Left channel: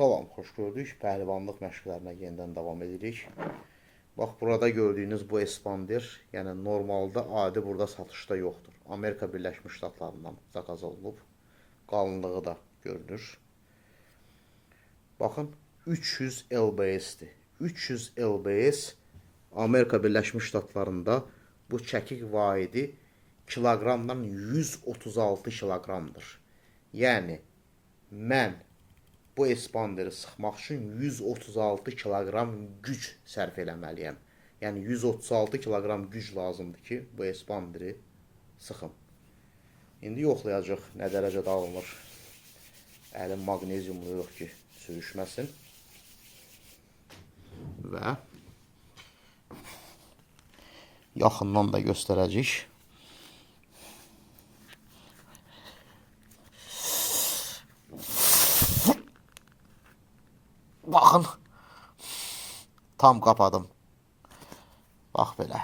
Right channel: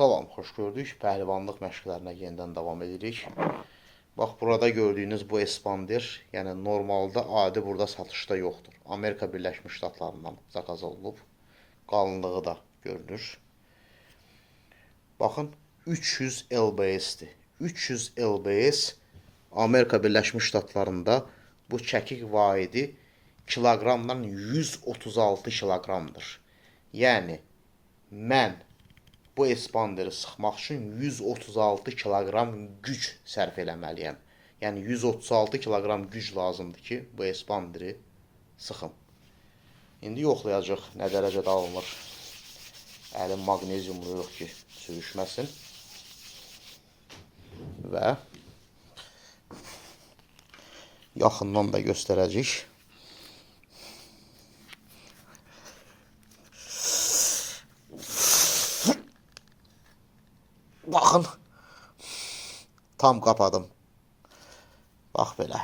Salam, xoş gördük. Pəhlivanlıq məşqlərinə yenidən davam edirik. Bax, burada gördüyünüz bu espandir, yəni normalda adi burada satışda yoxdur. Amerika Birləşmiş Ştatlarından zakaz olunub. Qalınlığı da görünür. Baxın, 300 LBS-dir. 300 LBS Amerika Birləşmiş Ştatlarında bu çəkik vahidi kiloqramdan 136 kiloqramdır. Yəni, mən bu espanderi sıxmaq üçün 136 kiloqram güc sərf eləməliyəm. Yəni 136 kiloqram güc lazımdır ki, bu espanderi sıxım. İndi yoxlayacaq nə dərəcədə alınır. Əlim maqneziumlu yox ki, sürüşməsin. Və yaxından da göstərəcək. Baxın, tam qapadım. Bax belə.